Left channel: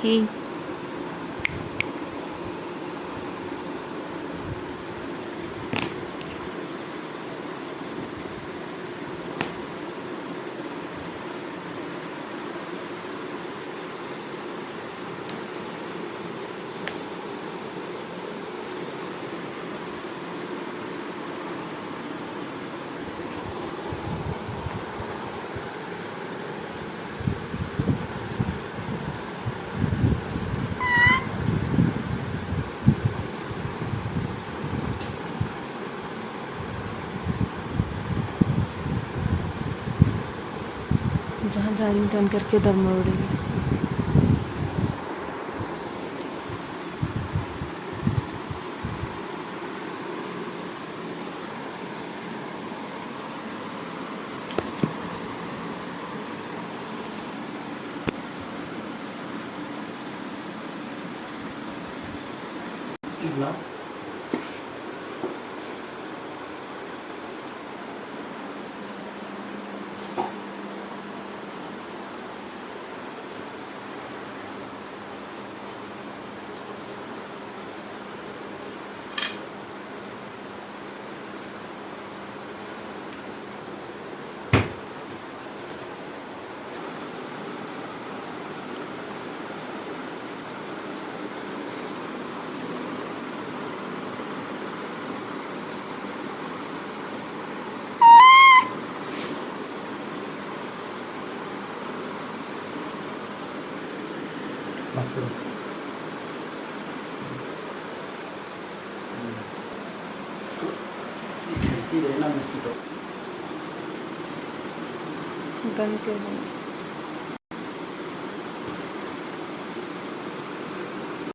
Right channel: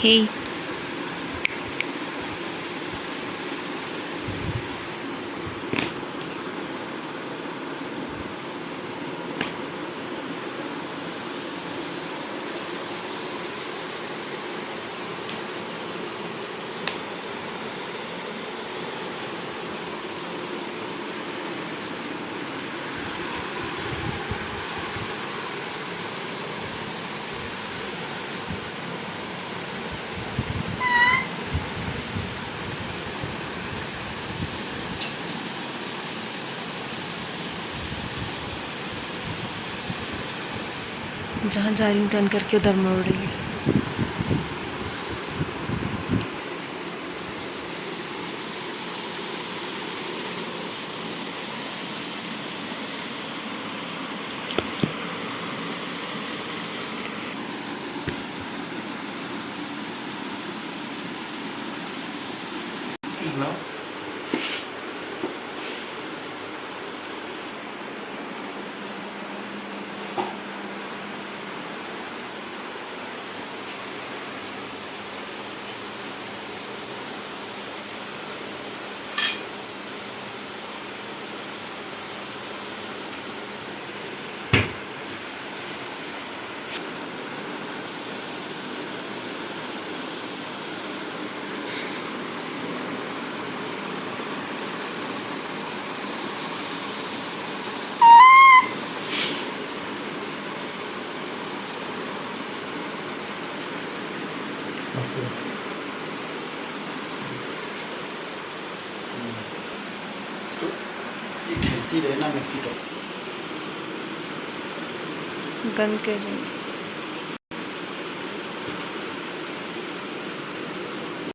Hey, जहाँ जा रही हूँ टर्न करके उधर मुड़ रही है। बोला बस करो। इसको ये खेलती रहे ना बिस्किट गन कर रही है।